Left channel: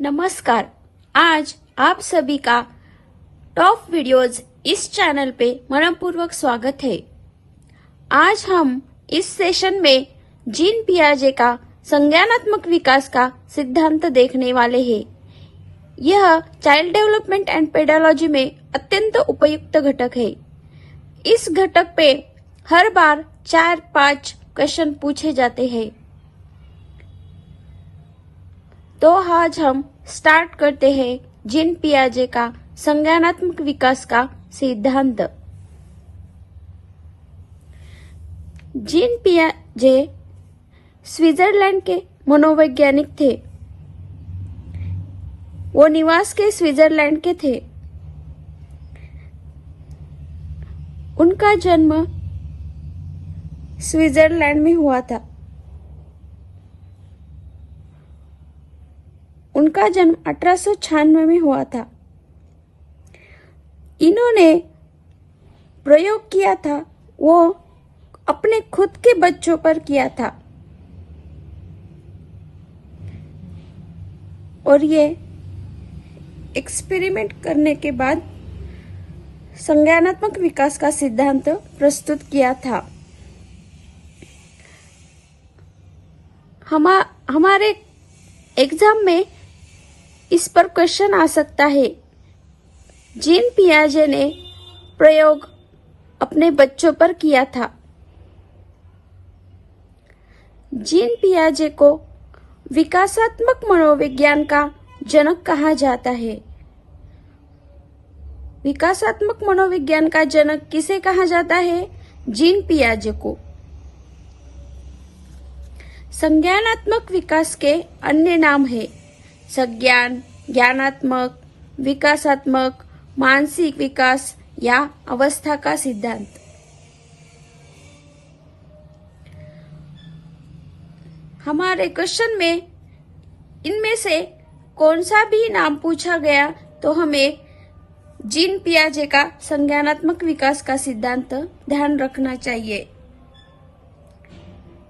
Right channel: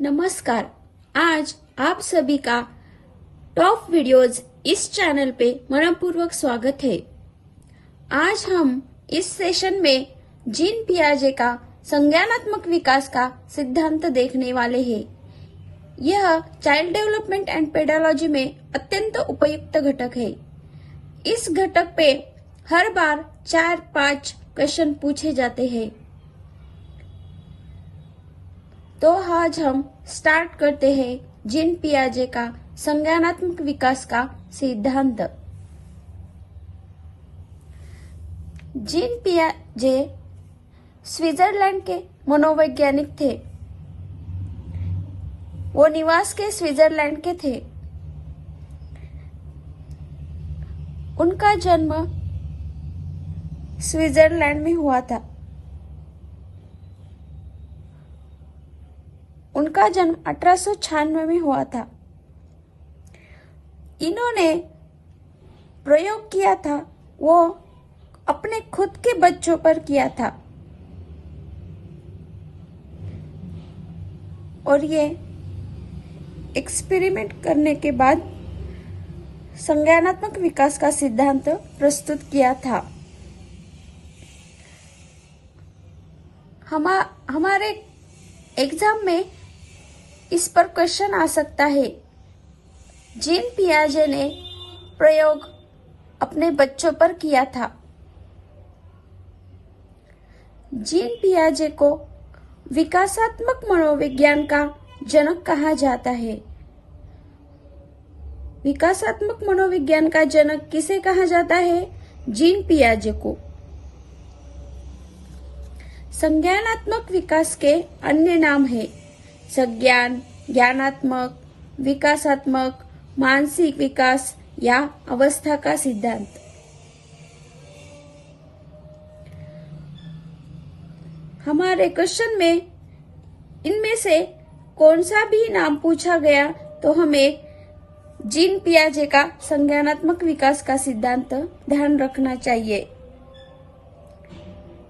नमस्कार। आज आप सभी का टॉप वीडियोज इस चैनल पे मनपूर्वक स्वागत है। आज हम इस सेशन में जीन पियाजे का संज्ञानात्मक विकास का सिद्धांत देखने वाले हैं। यह चाइल्ड डेवलपमेंट एंड पेडालॉजी में अत्यंत उपयुक्त घटक है। इस घटक पे हर बार 4-5 क्वेश्चन पूछे जाते हैं। तो आज हम स्टार्ट करते हैं जीन पियाजे का संज्ञानात्मक विकास का सिद्धांत। जीन पियाजे स्विट्जरलैंड के मनोवैज्ञानिक थे। वो निवास के स्विट्जरलैंड के थे। उनका जन्म स्विट्जरलैंड में हुआ था। उनका जन्म 1896 में हुआ था। इन्होंने प्रयोग किया था वो अपने खुद के बच्चों पर किया था और ये एक्सपेरिमेंट करने के बाद संज्ञानात्मक विकास का सिद्धांत प्रस्तुत किया था। हमारे एग्जाम में इस पर क्वेश्चन आ सकता है। जीन पियाजे ने प्रयोग अपने बच्चों पर किया था। जीन पियाजे को विकासात्मक मनोविज्ञान का जनक कहा जाता है। विकासात्मक मनोविज्ञान का जनक किसे कहा जाता है? जीन पियाजे को। संज्ञानात्मक विकास के अन्य नाम है संज्ञान, ज्ञानात्मक, विकासात्मक, मानसिक विकास या अवस्था का सिद्धांत। हमारे क्वेश्चन में इनमें से कौन सा भी नाम पूछा गया तो हमें जीन पियाजे का संज्ञानात्मक विकास का सिद्धांत ध्यान रखना चाहिए।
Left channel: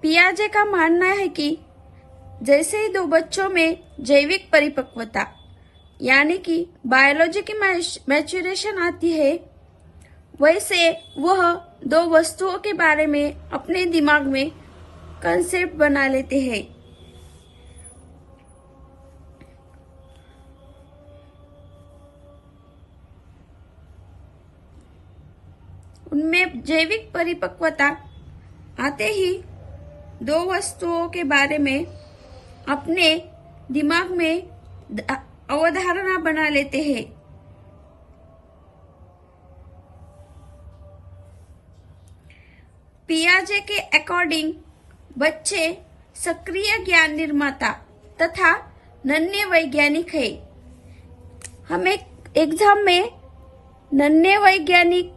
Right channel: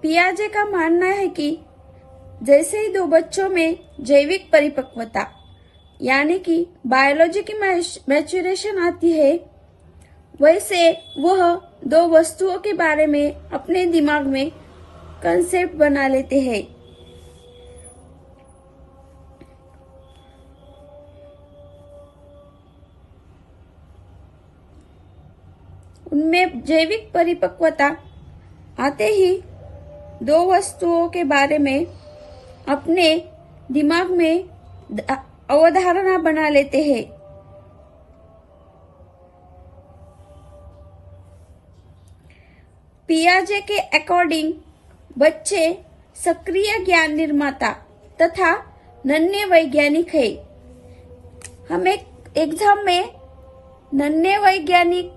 पियाजे का मानना है कि जैसे ही दो बच्चों में जैविक परिपक्वता यानी कि बायोलॉजी की मैच्योरेशन आती है, वैसे वह दो वस्तुओं के बारे में अपने दिमाग में कंसेप्ट बना लेते हैं। उनमें जैविक परिपक्वता आते ही दो वस्तुओं के बारे में अपने दिमाग में अवधारणा बना लेते हैं। पियाजे के अकॉर्डिंग बच्चे सक्रिय ज्ञान निर्माता तथा नन्हे वैज्ञानिक है। हमें एग्जाम में नन्हे वैज्ञानिक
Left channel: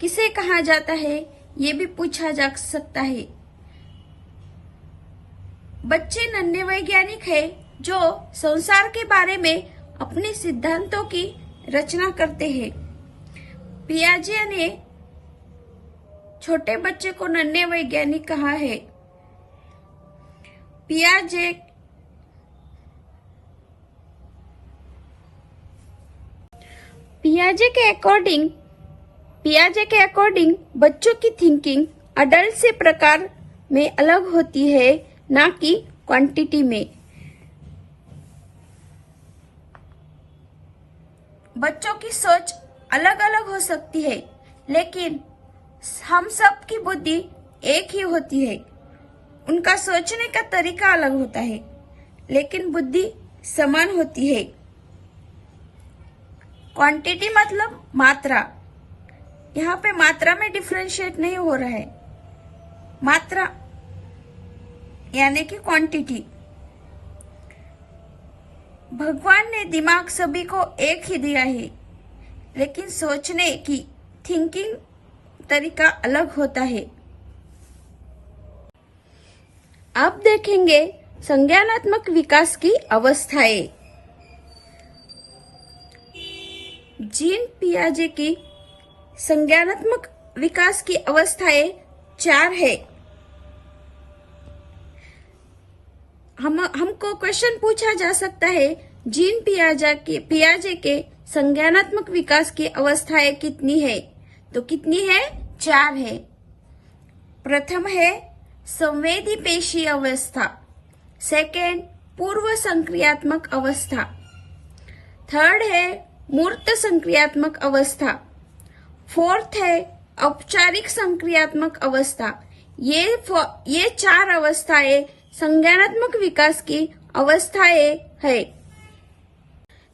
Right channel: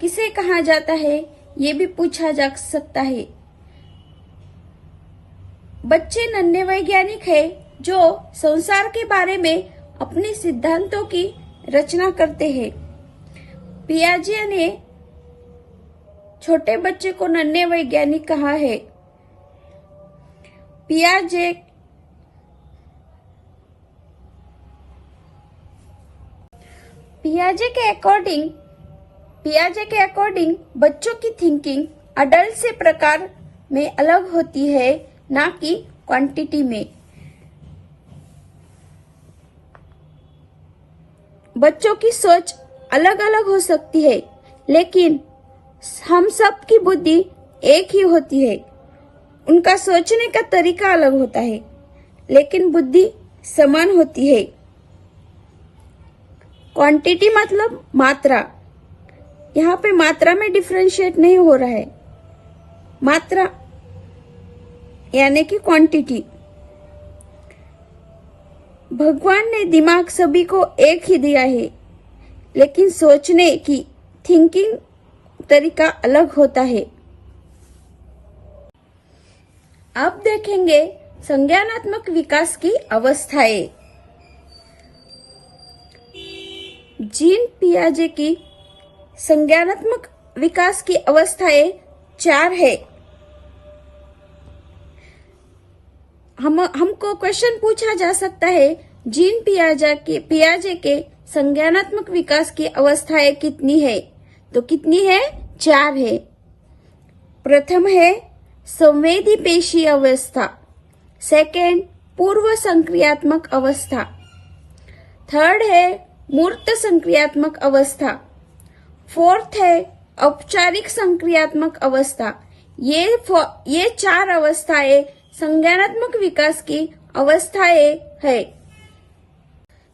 किसे कहा जाता है ये भी पूछा जा सकता है। बच्चे नन्हे वैज्ञानिक है जो संसार के बारे में अपने सिद्धांतों की रचना करते हैं। पियाजे ने छोटे बच्चे को नन्हे वैज्ञानिक कहा है। पियाजे के अकॉर्डिंग बच्चों की थिंकिंग अडल्ट से प्रकार में अलग होती है, ना कि क्वांटिटी में। बच्चों की सोच अलग अलग हो सकती है, लेकिन हम सब की बुद्धि एक ही होती है। उनका सोचने का तरीका अलग होता है, लेकिन बुद्धि समान होती है। क्वांटिटी मतलब मात्रा। यहाँ पे मात्रा में डिफरेंशिएट नहीं हो रहा है। मात्रा यानी कि क्वांटिटी। भगवान ने दिमाग सभी को एक ही दिया है, लेकिन सोचने की थिंकिंग तरीका अलग होता है। अब देखेंगे संज्ञानात्मक विकास की अवस्थाएं। जीन पियाजे की संज्ञानात्मक विकास की अवस्थाएं 4 है। हमको क्वेश्चन पूछा जा सकता है, जीन पियाजे के संज्ञानात्मक विकास की अवस्थाएं कितनी है? तो कितनी है? 4 है। प्रथम है संवेदी पेशी अवस्था, सेकेंड पूर्व संक्रियात्मक अवस्था, थर्ड है मूर्त संक्रियात्मक अवस्था, फोर्थ है औपचारिक संक्रियात्मक अवस्था। ये 4 अवस्थाएं संज्ञानात्मक विकास की अवस्थाएं है।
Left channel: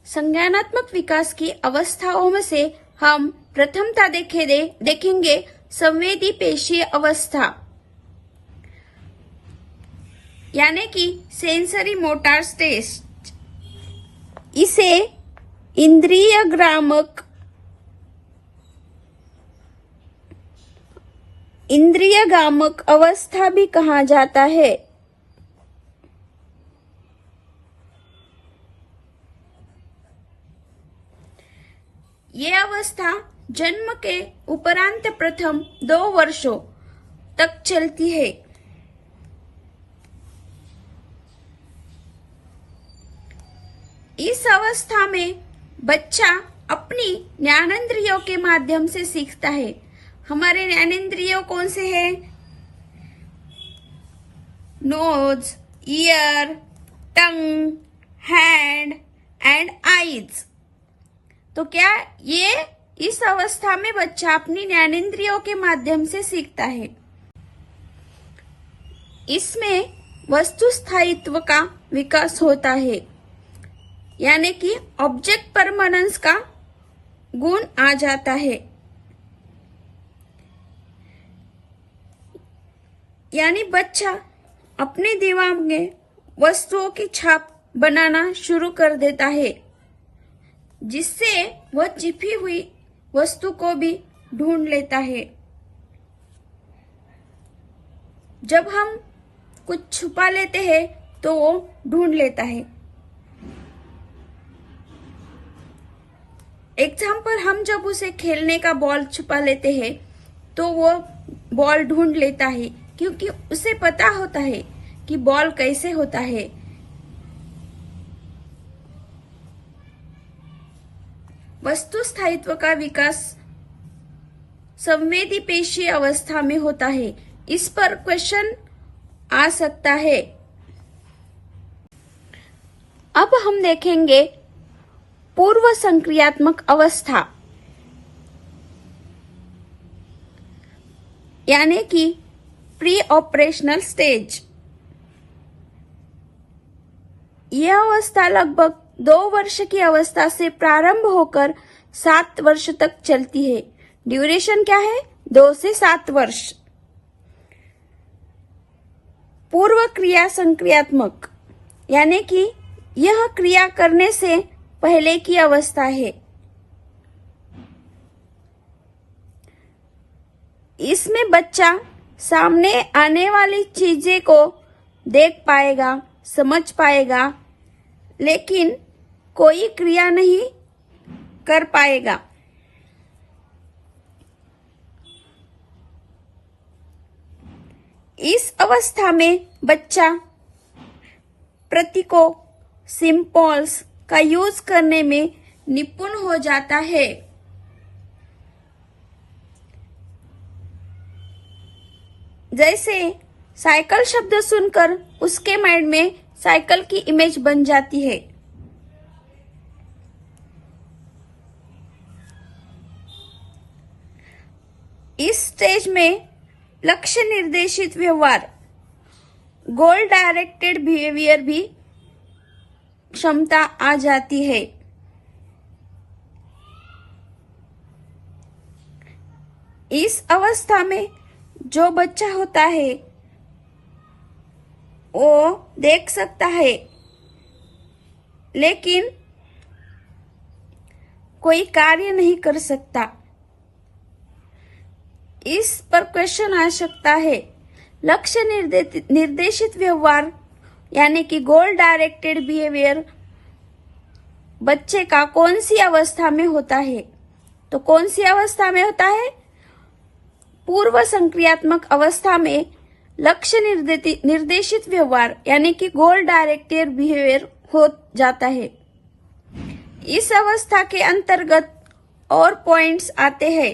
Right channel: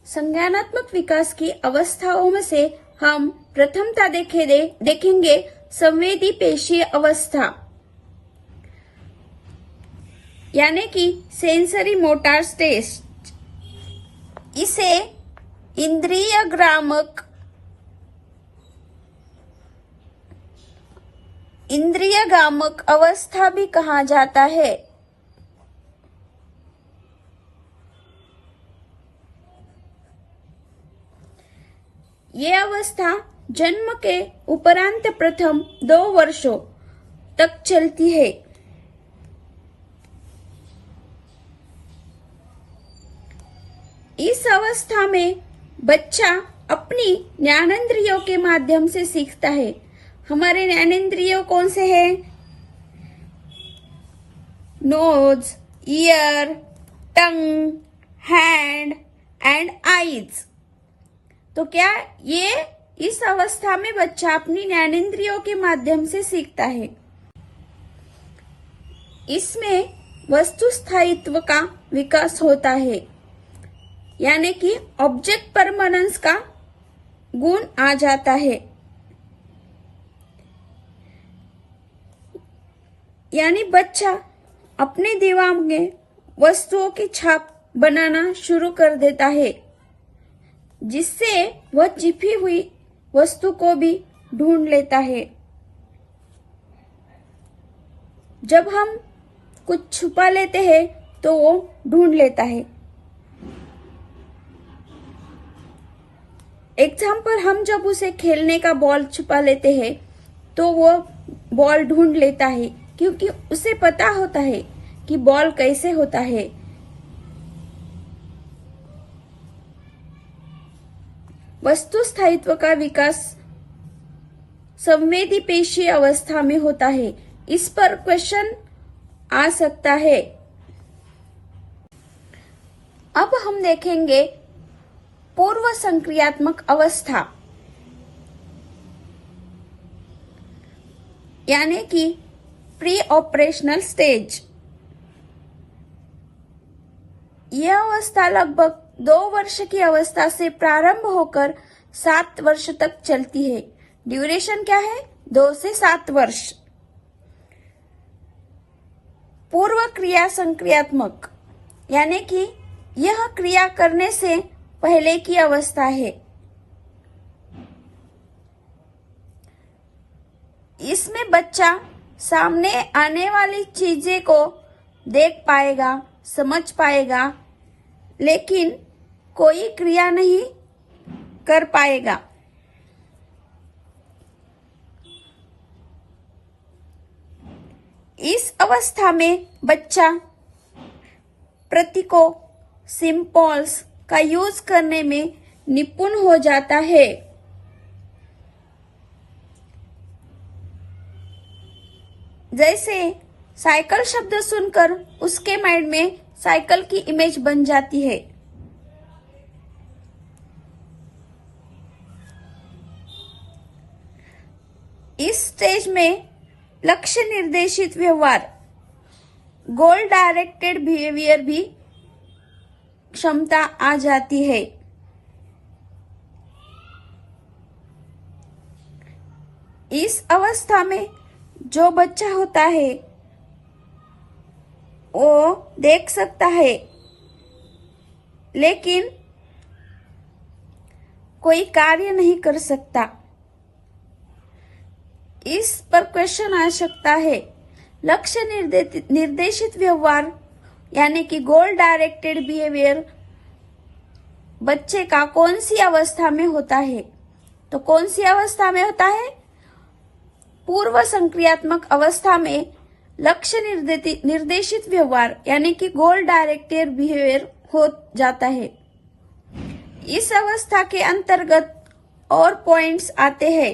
संज्ञानात्मक विकास की अवस्थाओं में से हम प्रथमता देखेंगे संवेदी पेशीय अवस्था, यानी कि सेंसरी मोटर स्टेज। इसे इंद्रियगामक अवस्था भी कहा जाता है। ये अवस्था जन्म के उपरांत प्रथम 2 वर्षों तक चलती है। इस अवस्था में बच्चा अपनी ज्ञानेंद्रियों के माध्यम से सीखता है। हमारे ज्ञानेंद्रियों कौन से हैं? Nose, ear, tongue, hand and eyes. तो क्या ये इस अवस्था में बच्चा अपनी ज्ञानेंद्रियों के माध्यम से सीखता है। इसमें वस्तु स्थायित्व का विकास होता है, यानी कि ऑब्जेक्ट परमानेंस का गुण आ जाता है। यानी बच्चा अपने दिमाग में वस्तुओं की छाप बनाना शुरू कर देता है, जिससे वह छिपी हुई वस्तु को भी ढूंढ लेता है। जब हम कुछ छुपा लेते हैं तो वो ढूंढ लेता है। एग्जाम्पल, हम जब उसे खेलने का बॉल छुपा लेते हैं तो वो बॉल ढूंढ लेता है, क्योंकि उसे पता होता है कि बॉल कैसे होता है। वस्तु स्थायित्व का विकास संवेदी पेशीय अवस्था में होता है। इस पर क्वेश्चन आ सकता है। अब हम देखेंगे पूर्व संक्रियात्मक अवस्था, यानी कि प्री ऑपरेशनल स्टेज। यह अवस्था लगभग 2 वर्ष की अवस्था से प्रारंभ होकर 7 वर्ष तक चलती है। ड्यूरेशन क्या है? 2 से 7 वर्ष। पूर्व क्रिया संक्रियात्मक, यानी कि यह क्रिया करने से पहले की अवस्था है। इसमें बच्चा सामने आने वाली चीजें को देख पाएगा, समझ पाएगा, लेकिन कोई क्रिया नहीं कर पाएगा। इस अवस्था में बच्चा प्रतीकों, सिंबल्स का यूज करने में निपुण हो जाता है। जैसे साइकिल शब्द सुनकर उसके माइंड में साइकिल की इमेज बन जाती है। इस स्टेज में लक्ष्य निर्देशित व्यवहार, गोल डायरेक्टेड बिहेवियर भी क्षमता आ जाती है। इस अवस्था में जो बच्चा होता है वो देख सकता है, लेकिन कोई कार्य नहीं कर सकता। इस पर क्वेश्चन आ सकता है। लक्ष्य निर्देशित व्यवहार यानी कि गोल डायरेक्टेड बिहेवियर बच्चे का कौन सी अवस्था में होता है? तो कौन सी अवस्था में होता है? पूर्व संक्रियात्मक अवस्था में लक्ष्य निर्देशित व्यवहार यानी कि गोल डायरेक्टेड बिहेवियर हो जाता है। इस अवस्था के अंतर्गत और पॉइंट्स आते हैं।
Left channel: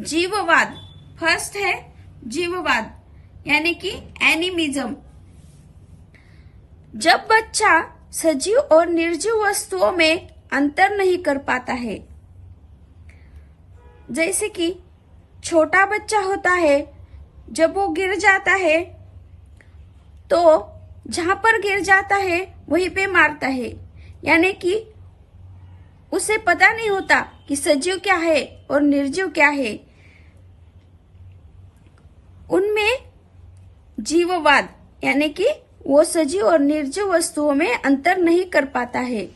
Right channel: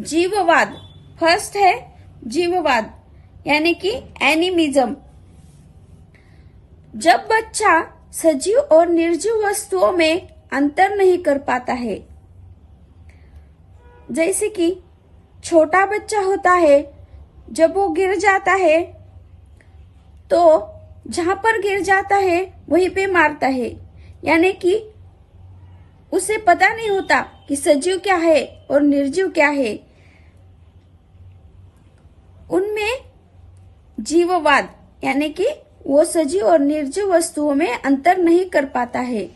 जीववाद, फर्स्ट है जीववाद यानी कि एनिमिज्म। जब बच्चा सजीव और निर्जीव वस्तुओं में अंतर नहीं कर पाता है, जैसे कि छोटा बच्चा होता है, जब वो गिर जाता है तो जहां पर गिर जाता है वहीं पे मारता है, यानी कि उसे पता नहीं होता कि सजीव क्या है और निर्जीव क्या है। उनमें जीववाद यानी कि वो सजीव और निर्जीव वस्तुओं में अंतर नहीं कर पाता है।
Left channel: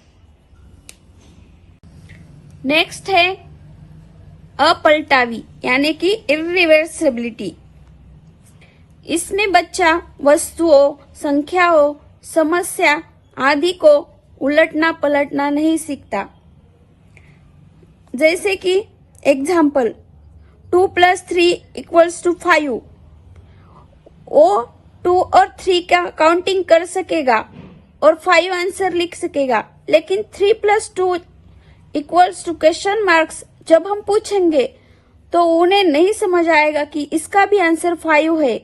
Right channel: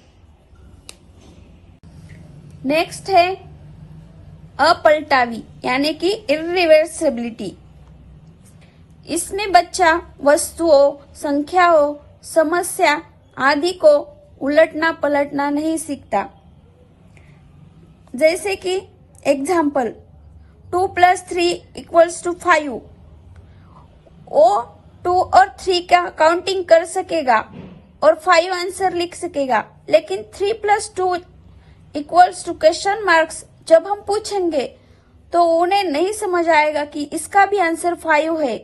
नेक्स्ट है अपलटावी यानी कि इरिवर्सिबिलिटी। इसमें बच्चा वस्तुओं, संख्याओं, समस्या आदि को उलटना पलटना नहीं सीखता। जैसे कि एग्जाम्पल 2 + 3 = 5। वो 2 और 3 का काउंटिंग कर सकेगा और 5 आंसर लिख सकेगा, लेकिन 3 + 2 = क्वेश्चन मार्क्स जब हम पूछेंगे तो उन्हें नहीं समझ आएगा कि इसका भी आंसर 5 है।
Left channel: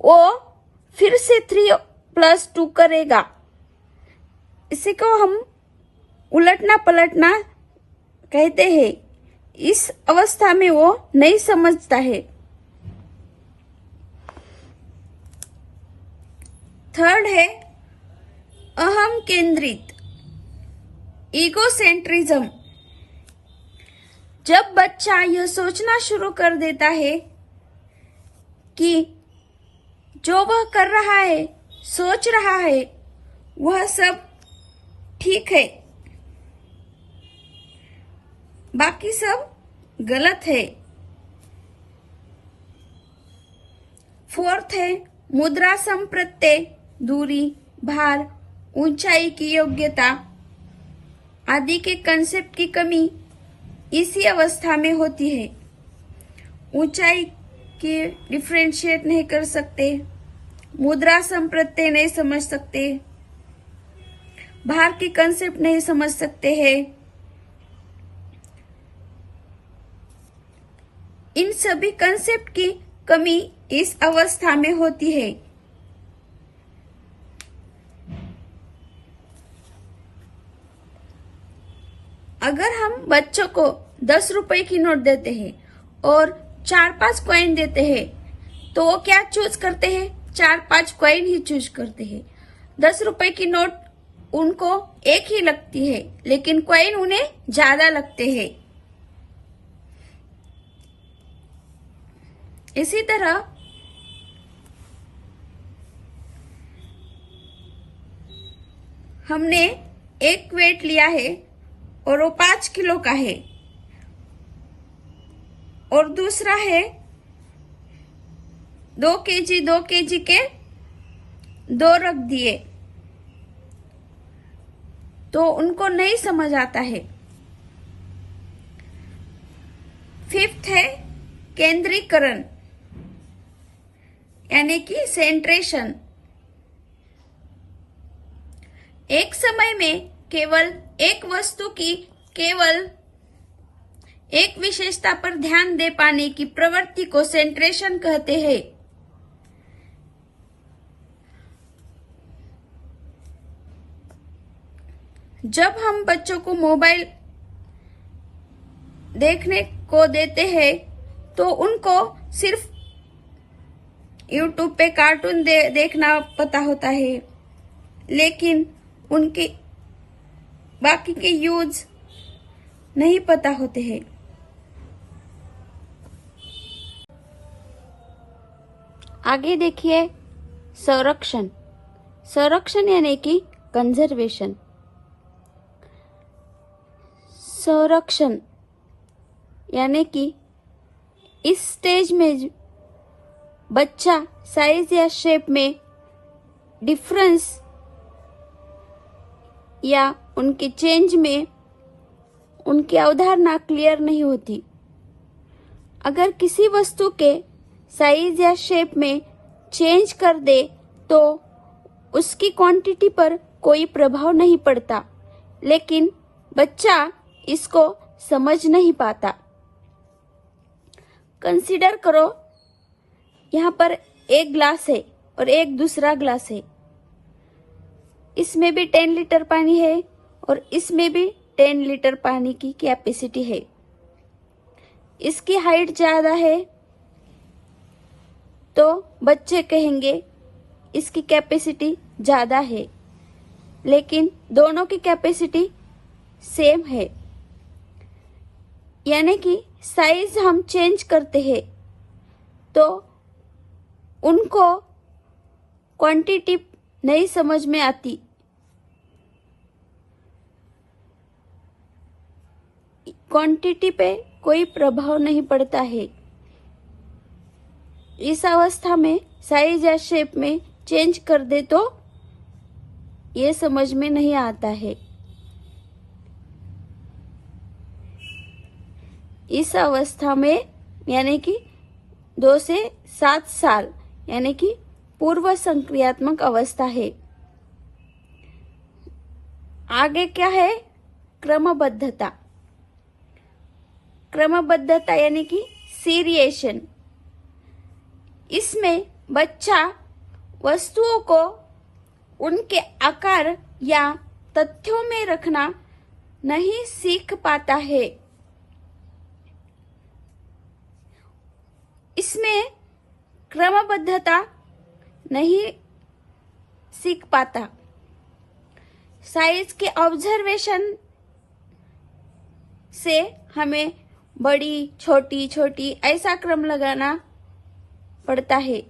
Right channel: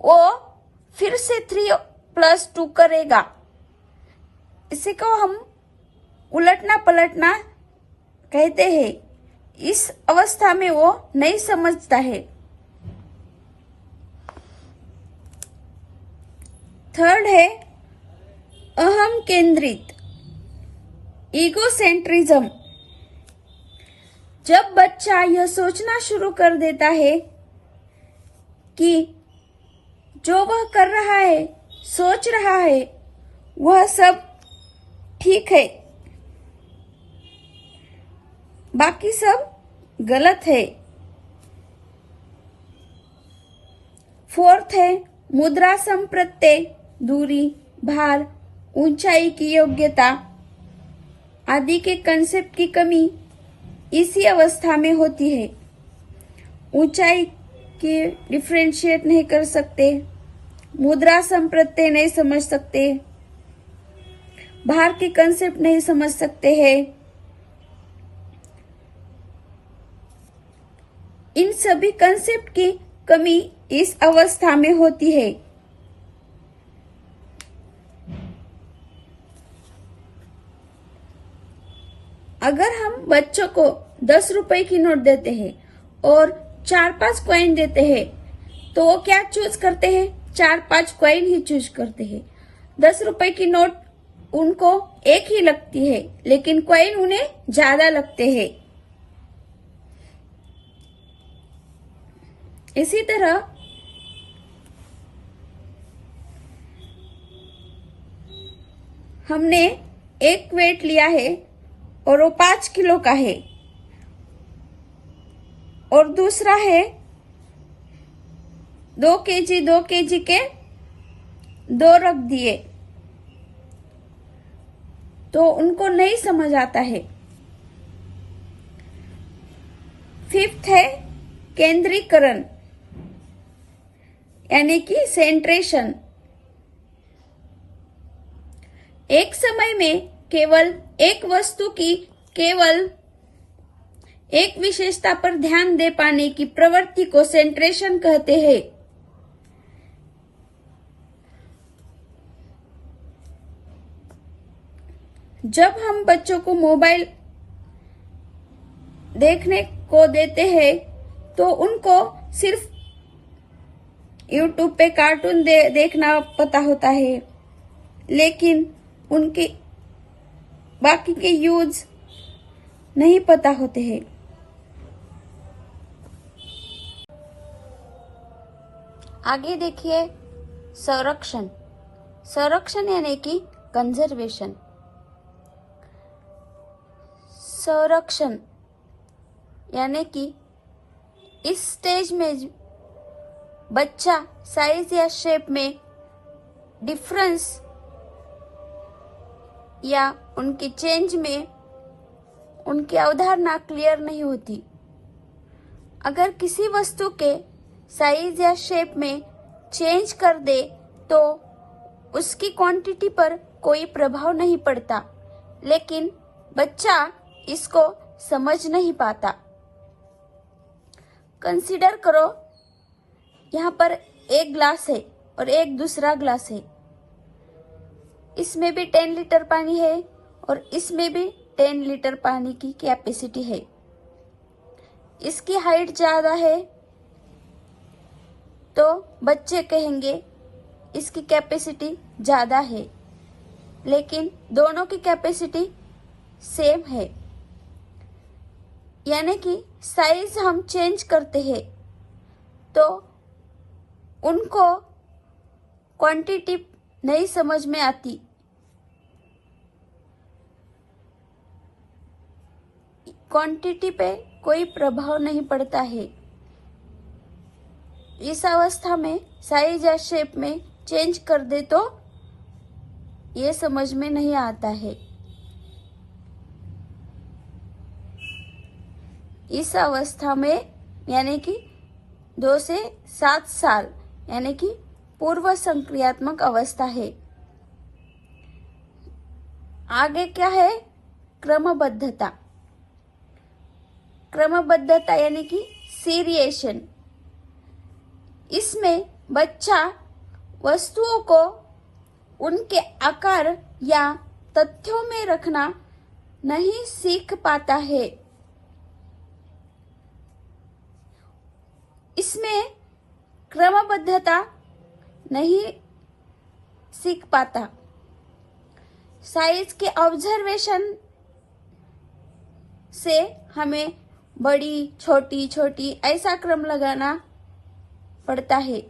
वो फिर से 3 + 2 करेगा। इसी को हम उलटना पलटना कहते हैं। इस अवस्था में वो नहीं समझता है। थर्ड है अहम केंद्रित, ईगोसेंट्रिज्म। जब बच्चा यह सोचना शुरू कर देता है कि जो वह कर रहा है, सोच रहा है, वह सब ठीक है, बाकी सब गलत है। फोर्थ है मुद्रा संप्रत्यय, दूरी, भार, ऊंचाई की योग्यता आदि के कंसेप्ट की कमी इसी अवस्था में होती है। ऊंचाई की डिफरेंशिएट नहीं कर सकते, मुद्रा संप्रत्यय नहीं समझ सकते, भार के कंसेप्ट नहीं समझ सकते हैं। इन सभी कंसेप्ट की कमी इस अवस्था में होती है। अगर हम बच्चों को 10 रुपए की नोट देते हैं और 4-5 कॉइन देते हैं, तो वो क्या चूज करते हैं? 4-5 कॉइन ही चूज करते हैं। 10 रुपए की नोट उनको एक ही लगती है, लेकिन कॉइन उन्हें ज्यादा लगते हैं। इसी तरह हमने एक वेट लिया है और वो 5 किलो का है, और दूसरा है 2 केजी के 2 रख दिए, तो उनको नहीं समझ आता है। फिफ्थ है केंद्रीकरण यानी कि सेंट्रेशन। एक समय में केवल एक वस्तु की केवल एक विशेषता पर ध्यान दे पाने की प्रवृत्ति को सेंट्रेशन कहते हैं। जब हम बच्चों को मोबाइल देखने को देते हैं तो उनको सिर्फ YouTube पे कार्टून देखना पता होता है, लेकिन उनके बाकी के यूज नहीं पता होते हैं। आगे देखिए संरक्षण। संरक्षण यानी कि कंजर्वेशन। संरक्षण यानी कि इस स्टेज में बच्चा साइज या शेप में डिफरेंस या उनके चेंज में उनकी अवधारणा क्लियर नहीं होती। अगर किसी वस्तु के साइज या शेप में चेंज कर दे तो उसकी क्वांटिटी पर कोई प्रभाव नहीं पड़ता, लेकिन बच्चा इसको समझ नहीं पाता। कंसीडर करो, यहाँ पर एक ग्लास है और एक दूसरा ग्लास है। इसमें भी 10 लीटर पानी है और इसमें भी 10 लीटर पानी की कैपेसिटी है। इसकी हाइट ज्यादा है तो बच्चे कहेंगे इसकी कैपेसिटी ज्यादा है, लेकिन दोनों की कैपेसिटी सेम है। यानी कि साइज हम चेंज करते हैं तो उनको क्वांटिटी नहीं समझ में आती। क्वांटिटी पे कोई प्रभाव नहीं पड़ता है। इस अवस्था में साइज या शेप में चेंज कर दे तो ये समझ में नहीं आता है। इस अवस्था में यानी कि 2 से 7 साल यानी कि पूर्व संक्रियात्मक अवस्था है। आगे क्या है? क्रमबद्धता। क्रमबद्धता यानी कि सीरिएशन। इसमें बच्चा वस्तुओं को उनके आकार या तथ्यों में रखना नहीं सीख पाता है। इसमें क्रमबद्धता नहीं सीख पाता। साइज के ऑब्जर्वेशन से हमें बड़ी छोटी छोटी ऐसा क्रम लगाना पड़ता है,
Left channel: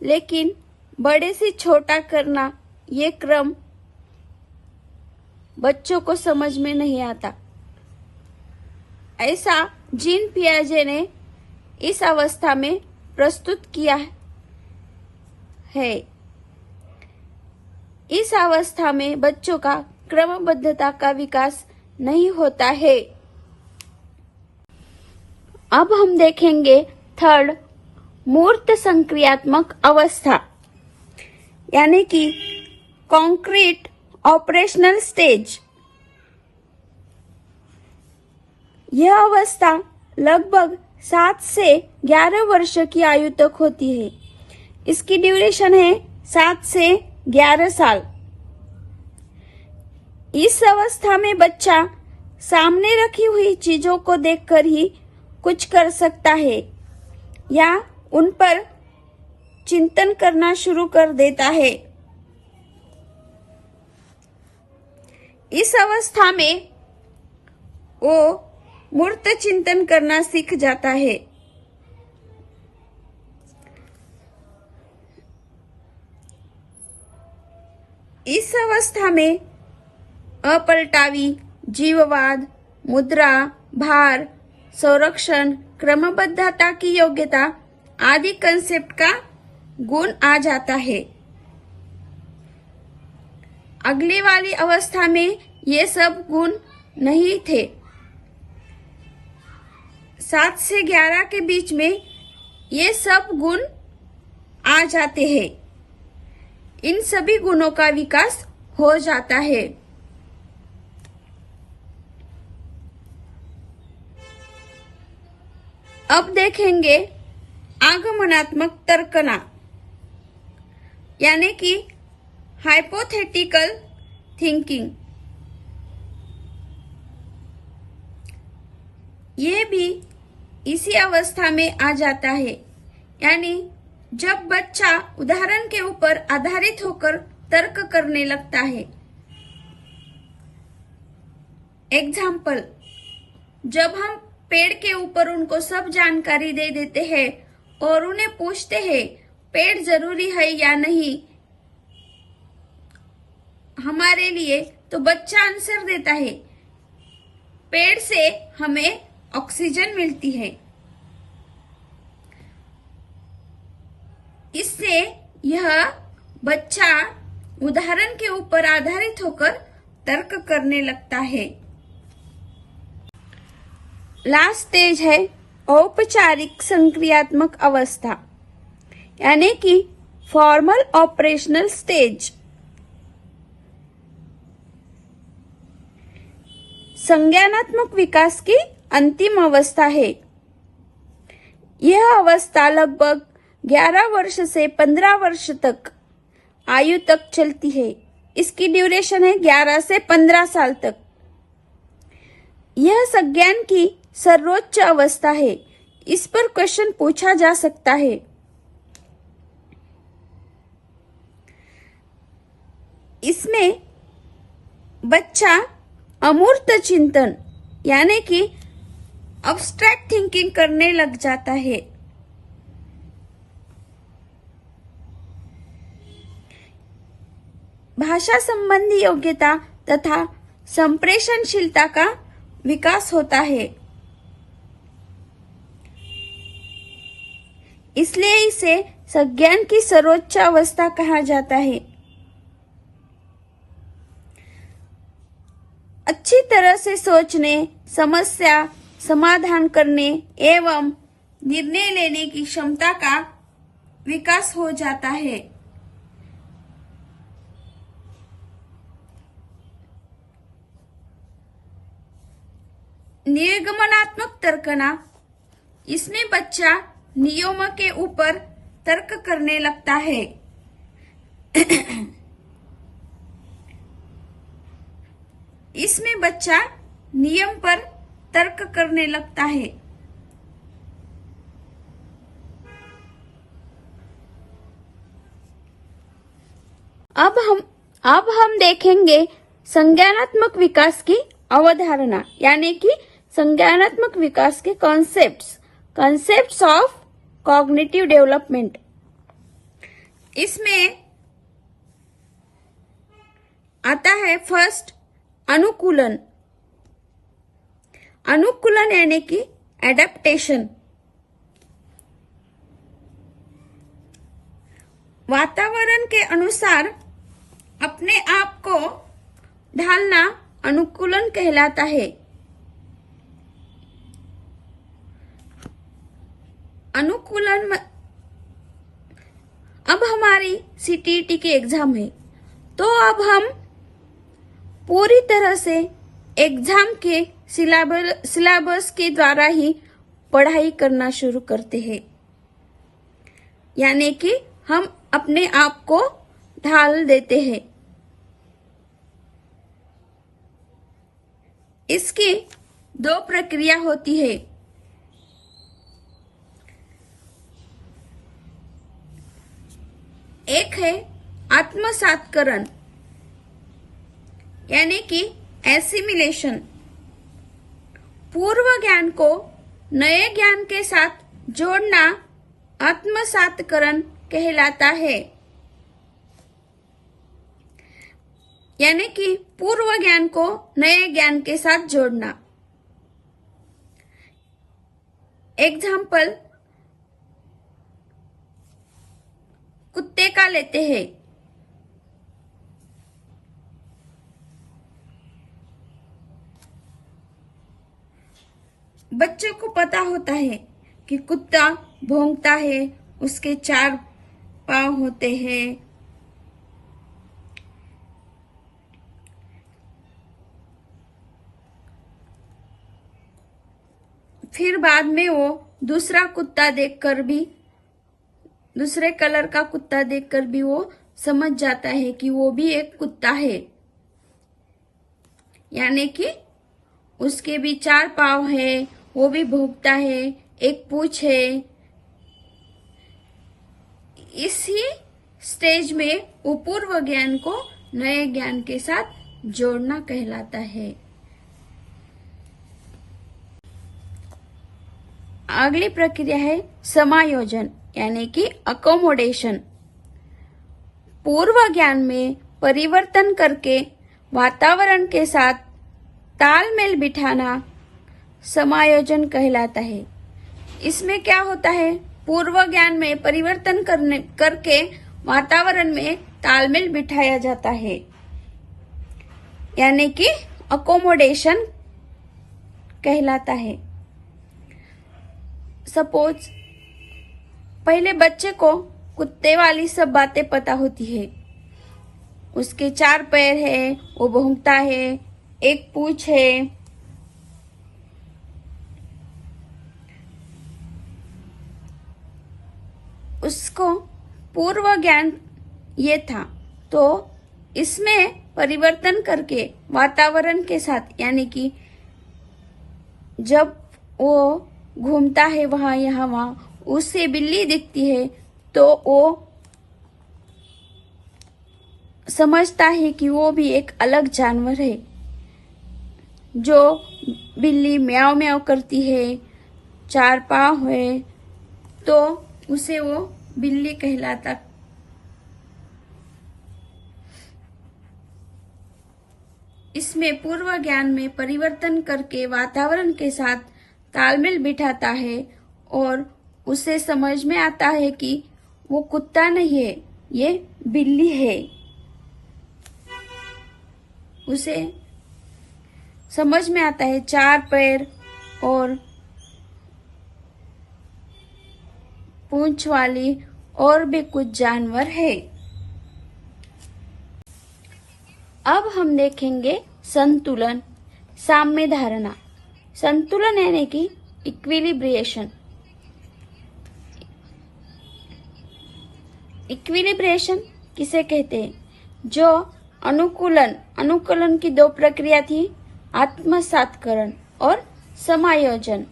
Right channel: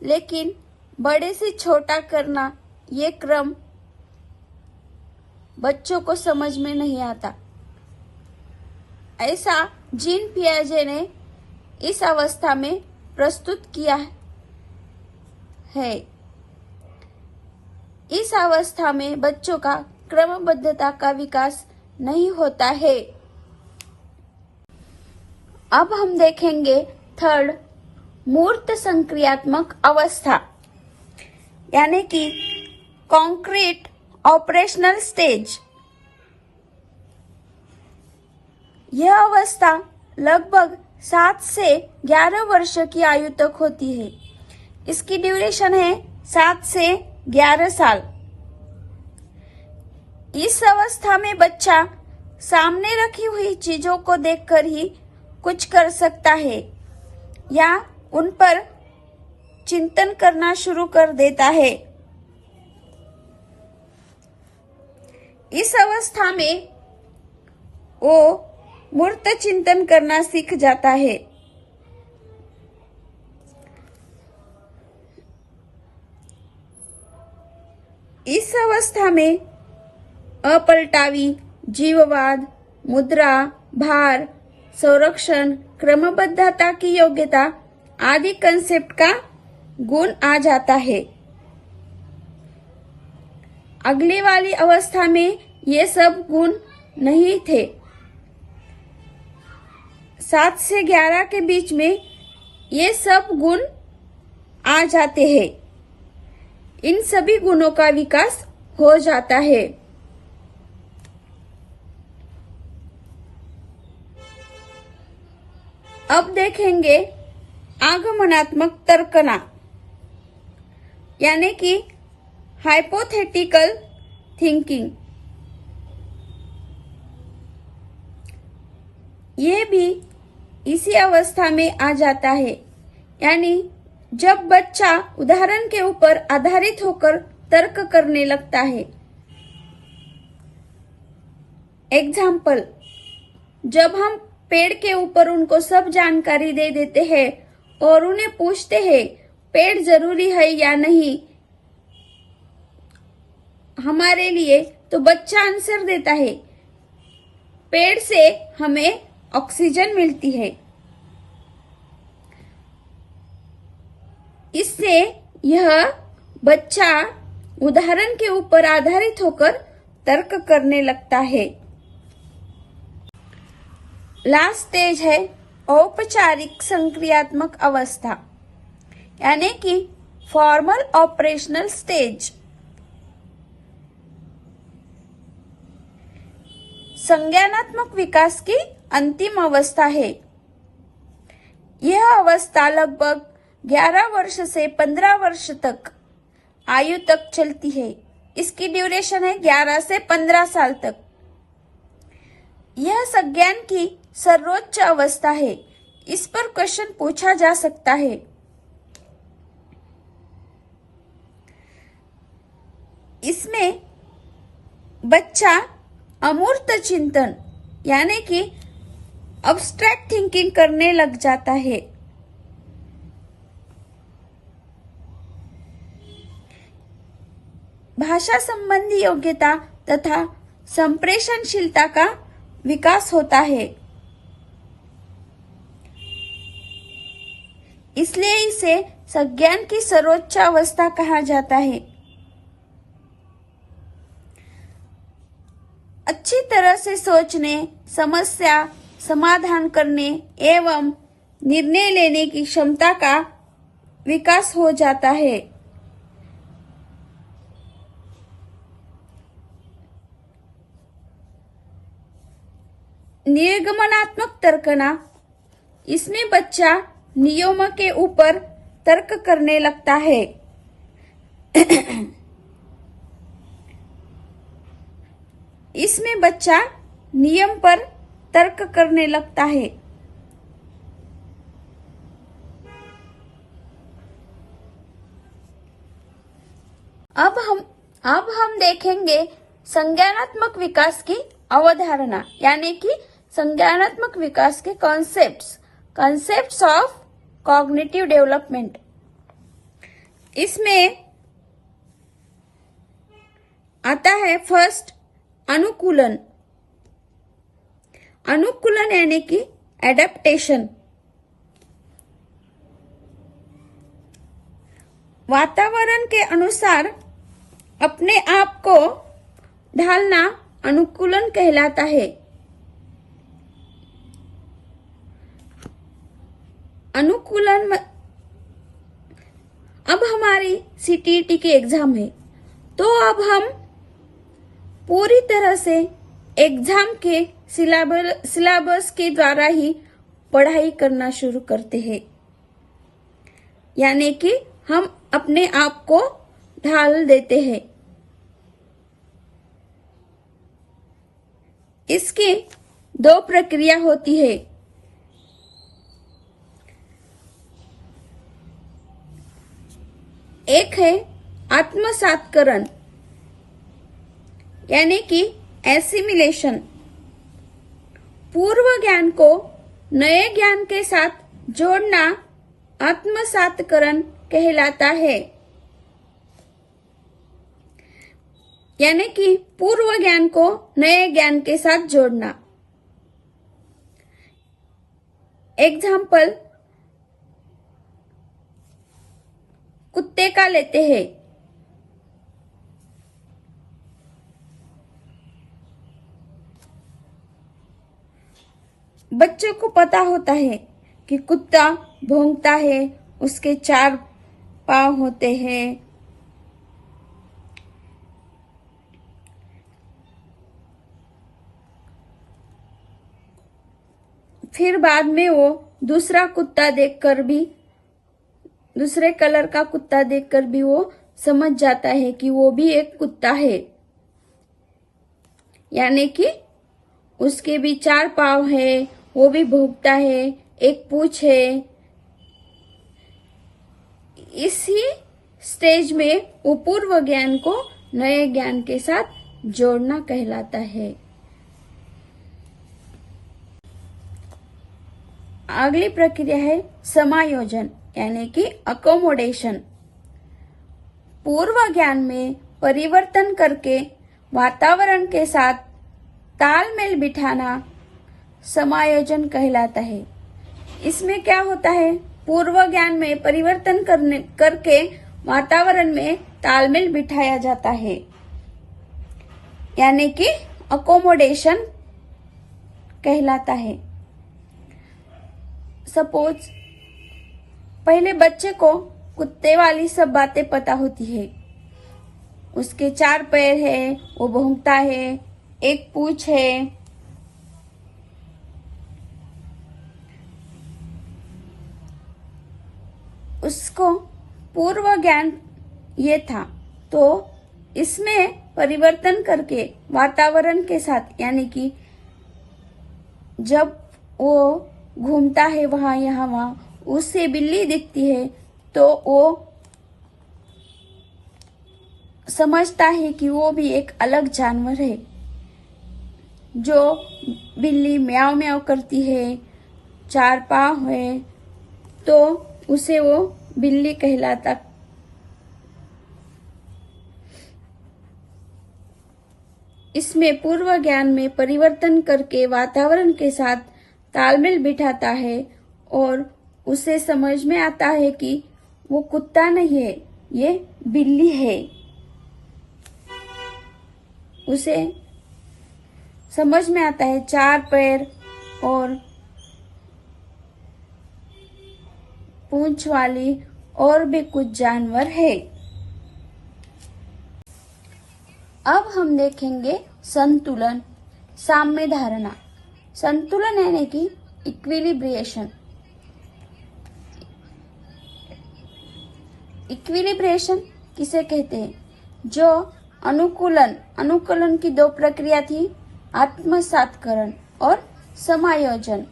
लेकिन बड़े से छोटा करना ये क्रम बच्चों को समझ में नहीं आता। ऐसा जीन पियाजे ने इस अवस्था में प्रस्तुत किया है। इस अवस्था में बच्चों का क्रमबद्धता का विकास नहीं होता है। अब हम देखेंगे थर्ड, मूर्त संक्रियात्मक अवस्था यानी कि कॉन्क्रीट ऑपरेशनल स्टेज। यह अवस्था लगभग 7 से 11 वर्ष की आयु तक होती है। इसकी ड्यूरेशन है 7 से 11 साल। इस अवस्था में बच्चा सामने रखी हुई चीजों को देखकर ही कुछ कर सकता है या उन पर चिंतन करना शुरू कर देता है। इस अवस्था में वो मूर्त चिंतन करना सीख जाता है। इस अवस्था में अपलटावी, जीववाद, मुद्रा, भार, संरक्षण, क्रमबद्धता की योग्यता आदि कंसेप्ट का गुण आ जाता है। अगली वाली अवस्था में ये सब गुण नहीं थे। 7 से 11 के बीच में ये सब गुण आ जाते हैं। इन सभी गुणों का विकास हो जाता है। अब देखेंगे आगमनात्मक तर्कना यानी कि हाइपोथेटिकल थिंकिंग। ये भी इसी अवस्था में आ जाता है, यानी जब बच्चा उदाहरण के ऊपर आधारित होकर तर्क करने लगता है। एग्जाम्पल, जब हम पेड़ के ऊपर उनको सब जानकारी दे देते हैं और उन्हें पूछते हैं पेड़ जरूरी है या नहीं हमारे लिए, तो बच्चा आंसर देता है पेड़ से हमें ऑक्सीजन मिलती है। इससे यह बच्चा उदाहरण के ऊपर आधारित होकर तर्क करने लगता है। लास्ट स्टेज है औपचारिक संक्रियात्मक अवस्था, यानी कि फॉर्मल ऑपरेशनल स्टेज। संज्ञानात्मक विकास की अंतिम अवस्था है। यह अवस्था लगभग 11 वर्ष से 15 वर्ष तक आयु तक चलती है। इसकी ड्यूरेशन है 11 से 15 साल तक। यह संज्ञान की सर्वोच्च अवस्था है। इस पर क्वेश्चन पूछा जा सकता है। इसमें बच्चा अमूर्त चिंतन यानी कि अब्स्ट्रैक्ट थिंकिंग करने लग जाता है। भाषा संबंधी योग्यता तथा संप्रेषणशीलता का विकास होता है। इसलिए इसे संज्ञान की सर्वोच्च अवस्था कहा जाता है। अच्छी तरह से सोचने, समस्या समाधान करने एवं निर्णय लेने की क्षमता का विकास हो जाता है। निर्गमनात्मक तर्कना, इसमें बच्चा नियमों के ऊपर तर्क करने लगता है। इसमें बच्चा नियम पर तर्क करने लगता है। अब हम देखेंगे संज्ञानात्मक विकास की अवधारणा, यानी कि संज्ञानात्मक विकास के कॉन्सेप्ट्स ऑफ कॉग्निटिव डेवलपमेंट। इसमें आता है फर्स्ट अनुकूलन। अनुकूलन यानी कि एडेप्टेशन। वातावरण के अनुसार अपने आप को ढालना अनुकूलन कहलाता है। अनुकूलन अब हमारी सीटीईटी की एग्जाम है, तो अब हम पूरी तरह से एग्जाम के सिलेबस के द्वारा ही पढ़ाई करना शुरू करते हैं, यानी कि हम अपने आप को ढाल देते हैं। इसकी 2 प्रक्रिया होती है। एक है आत्मसातकरण यानी कि एसिमिलेशन। पूर्व ज्ञान को नए ज्ञान के साथ जोड़ना आत्मसातकरण कहलाता है, यानी कि पूर्व ज्ञान को नए ज्ञान के साथ जोड़ना। एग्जाम्पल कुत्ते का लेते हैं। बच्चों को पता होता है कि कुत्ता भौंकता है, उसके 4 पांव होते हैं। फिर बाद में वो दूसरा कुत्ता देखकर भी, दूसरे कलर का कुत्ता देखकर भी वो समझ जाता है कि वो भी एक कुत्ता है, यानी कि उसके भी 4 पांव है, वो भी भौंकता है, एक पूंछ है। इसी स्टेज में वो पूर्व ज्ञान को नए ज्ञान के साथ जोड़ना कहलाता है। अगली प्रक्रिया है समायोजन यानी कि अकोमोडेशन। पूर्व ज्ञान में परिवर्तन करके वातावरण के साथ तालमेल बिठाना समायोजन कहलाता है। इसमें क्या होता है, पूर्व ज्ञान में परिवर्तन करके वातावरण में तालमेल बिठाया जाता है, यानी कि अकोमोडेशन कहलाता है। सपोज पहले बच्चे को कुत्ते वाली सब बातें पता होती है। उसके 4 पैर है, वो भौंकता है, एक पूंछ है। उसको पूर्व ज्ञान ये था, तो इसमें परिवर्तन करके वातावरण के साथ, यानी कि जब वो घूमता है वहां यहाँ वहां, उससे बिल्ली दिखती है तो वो समझता है कि वो भी एक अलग जानवर है। जो बिल्ली म्याऊ म्याऊ करती है, 4 पांव है, तो उसे वो बिल्ली कहलाता। इसमें पूर्व ज्ञान में परिवर्तन करके वातावरण के साथ तालमेल बिठाता है और उसे समझ में आता है कि वो कुत्ता नहीं है, ये बिल्ली है। उसे समझ में आता है 4 पैर और पूंछ वाली और भी कुछ जानवर है। अब हम देखेंगे संतुलन, साम्य धारणा। संतुलन यानी कि इक्विलिब्रिएशन। इक्विलिब्रिएशन किसे कहते हैं? जो अनुकूलन की 2 प्रक्रिया थी, आत्मसातकरण और समायोजन।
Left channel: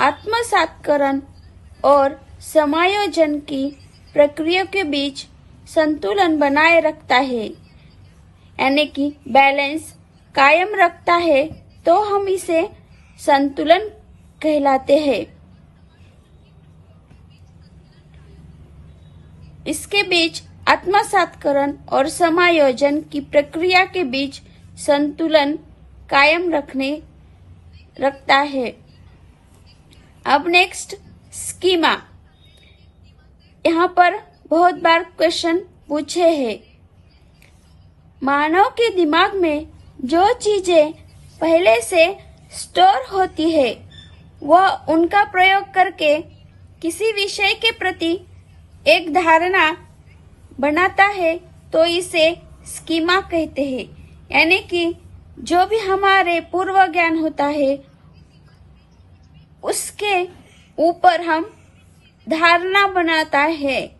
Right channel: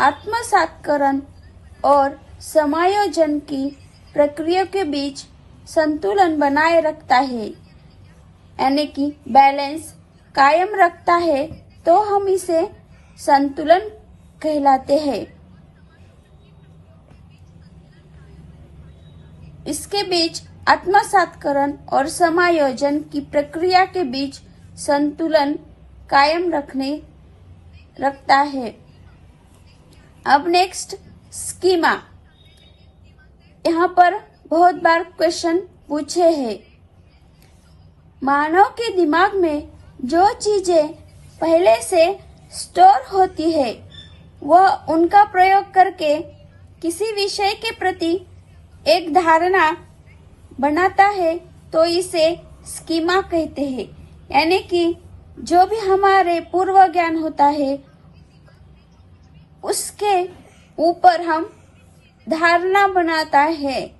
आत्मसातकरण और समायोजन की प्रक्रिया के बीच संतुलन बनाए रखता है, यानी कि बैलेंस कायम रखता है, तो हम इसे संतुलन कहलाते हैं। इसके बीच आत्मसातकरण और समायोजन की प्रक्रिया के बीच संतुलन कायम रखता है। अब नेक्स्ट स्कीमा। यहाँ पर बहुत बार क्वेश्चन पूछे हैं। मानव के दिमाग में जो चीजें पहले से स्टोर होती है, वह उनका प्रयोग करके किसी विषय के प्रति एक धारणा बनाता है, तो इसे स्कीमा कहते हैं। यानी कि जो भी हमारे पूर्व ज्ञान होता है, उसके ऊपर हम धारणा बनाता है।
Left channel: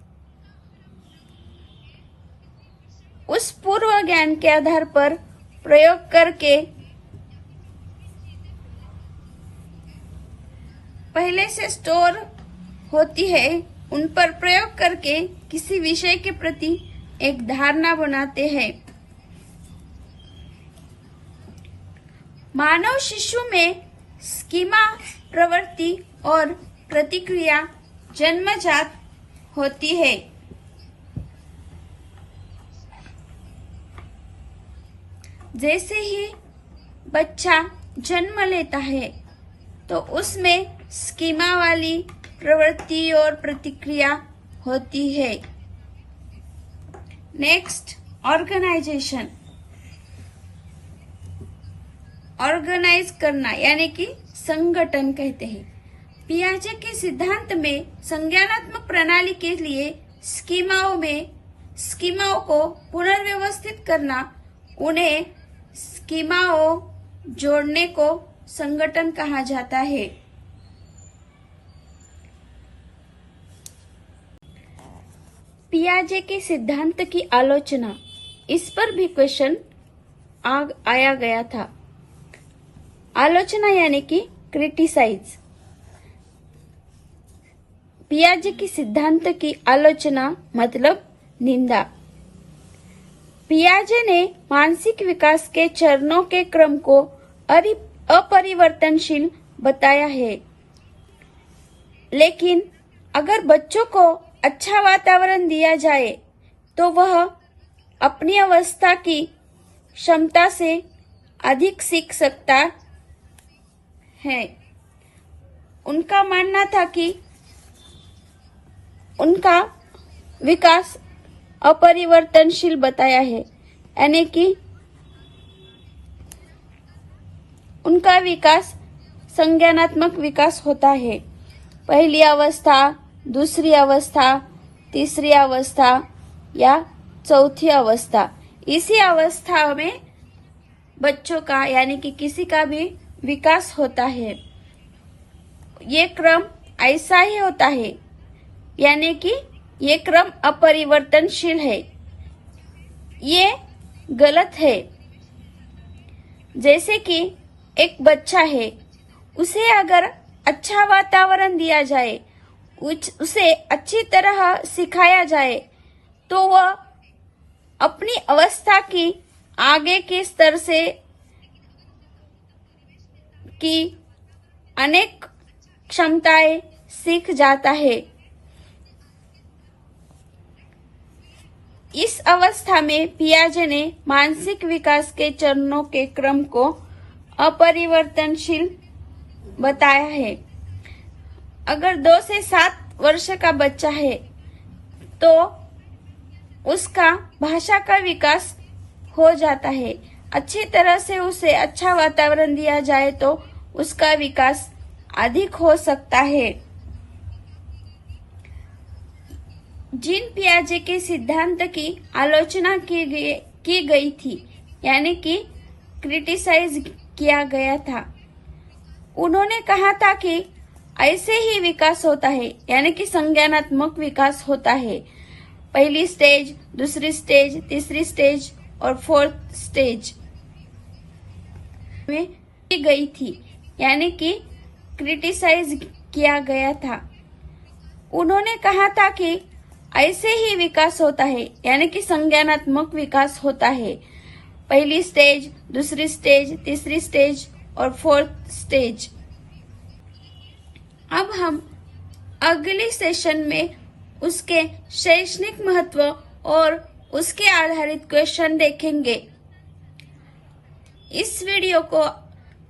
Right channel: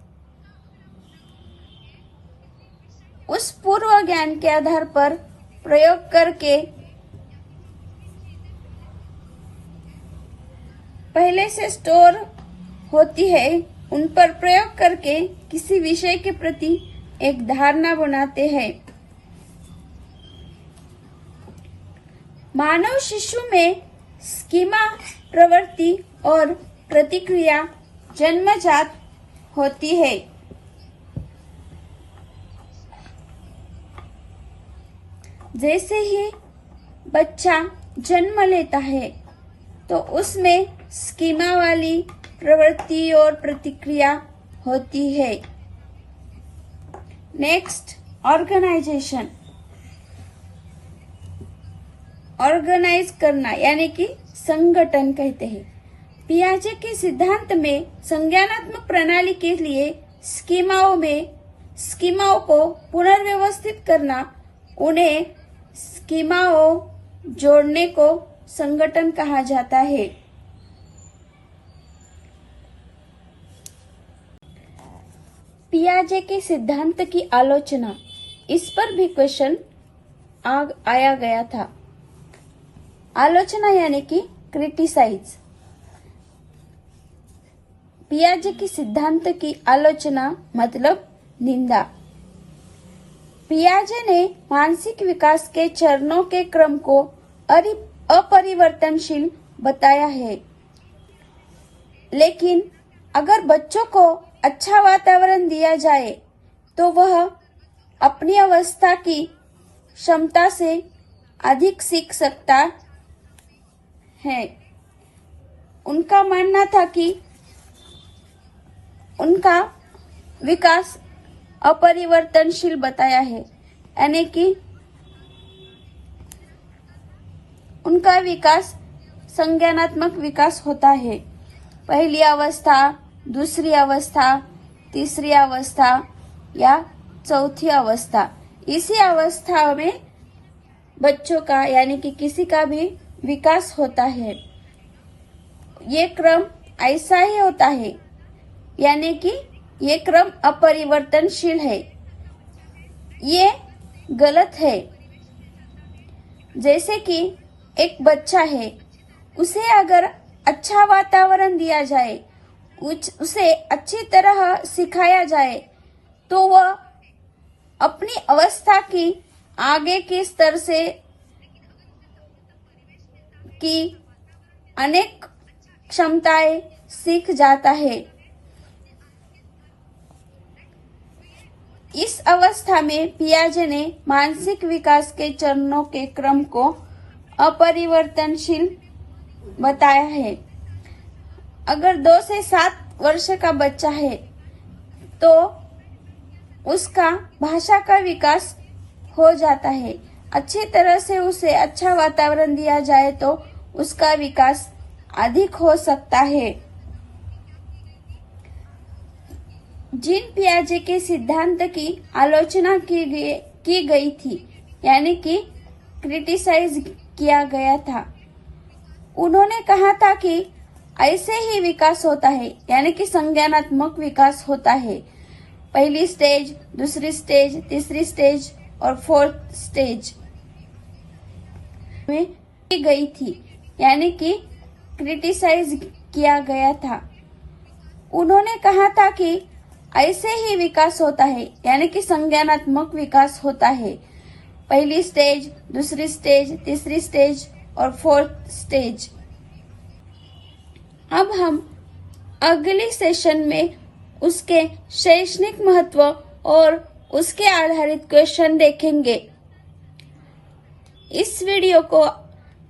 उस पूर्व ज्ञान के आधार पर प्रयोग करके पहले से स्टोर होती है, उन पर प्रयोग करके किसी विषय के प्रति एक धारणा बनाते हैं। मानव शिशु में स्कीमा प्रवृत्ति और प्रतिक्रिया जन्मजात होती है। जैसे ही बच्चा जन्म लेता है, तो उसमें स्कीमा वाली प्रवृत्ति और प्रतिक्रिया होती है। Next, organisation. ऑर्गेनाइज करना यानी कि संगठन कहते हैं। पियाजे के सिद्धांत में संज्ञानात्मक प्रणाली के लिए स्कीमाओं को पुनर्व्यवस्थित करना, उन्हें स्कीमाओं जोड़ने को संगठन कहा जाता है। पियाजे के सिद्धांत की आलोचना, इस पर भी क्वेश्चन आया गया था। आलोचना यानी कि क्रिटिसाइज। पियाजे के सिद्धांत की आलोचना मतलब निंदा। पियाजे ने मानसिक विकास के चरणों के क्रम को अपरिवर्तनशील बताया है, लेकिन अगर बच्चों को अच्छा वातावरण दिया जाए तो वह अपनी अवस्था की क्षमता से अधिक सीख सकता है। उनका मानना था कि उनका विकास अपरिवर्तनशील बताया है, यानी कि उनका विकास संज्ञानात्मक विकास होता है। पहली अवस्था, दूसरी अवस्था, तीसरी अवस्था या चौथी अवस्था। इसी अवस्था में बच्चों का यानी कि किसी का भी विकास होता है। ये क्रम ऐसा ही होता है, यानी कि ये क्रम अपरिवर्तनशील है। ये गलत है। जैसे कि एक बच्चा है, उसे अगर अच्छा वातावरण दिया जाए, उसे अच्छी तरह सिखाया जाए, तो वह अपनी अवस्था की आगे के स्तर से की अनेक क्षमताएं सीख जाता है। इस अवस्था में पियाजे ने मानसिक विकास के चरणों के क्रम को अपरिवर्तनशील बताया है। अगर 2 से 7 वर्ष का बच्चा है तो उसका भाषा का विकास हो जाता है। अच्छी तरह से उसे अच्छा वातावरण दिया जाए तो उसका विकास अधिक हो सकता है। जीन पियाजे के सिद्धांत की आलोचना की गई थी, यानी कि क्रिटिसाइज किया गया था। उन्होंने कहा था कि ऐसे ही विकास होता है, यानी कि संज्ञानात्मक विकास होता है। पहली स्टेज, दूसरी स्टेज, तीसरी स्टेज और 4th स्टेज में की गई थी, यानी कि क्रिटिसाइज किया गया था। उन्होंने कहा था कि ऐसे ही विकास होता है, यानी कि संज्ञानात्मक विकास होता है। पहली स्टेज, दूसरी स्टेज, तीसरी स्टेज और 4th स्टेज। अब हम अगले सेशन में उसके शैक्षणिक महत्व और उसके आधारित क्वेश्चन देखेंगे। इस वीडियो को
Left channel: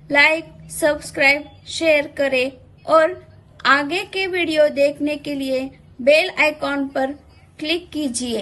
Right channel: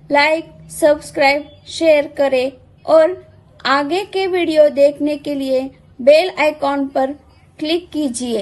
लाइक, सब्सक्राइब, शेयर करें और आगे के वीडियो देखने के लिए बेल आइकॉन पर क्लिक कीजिए।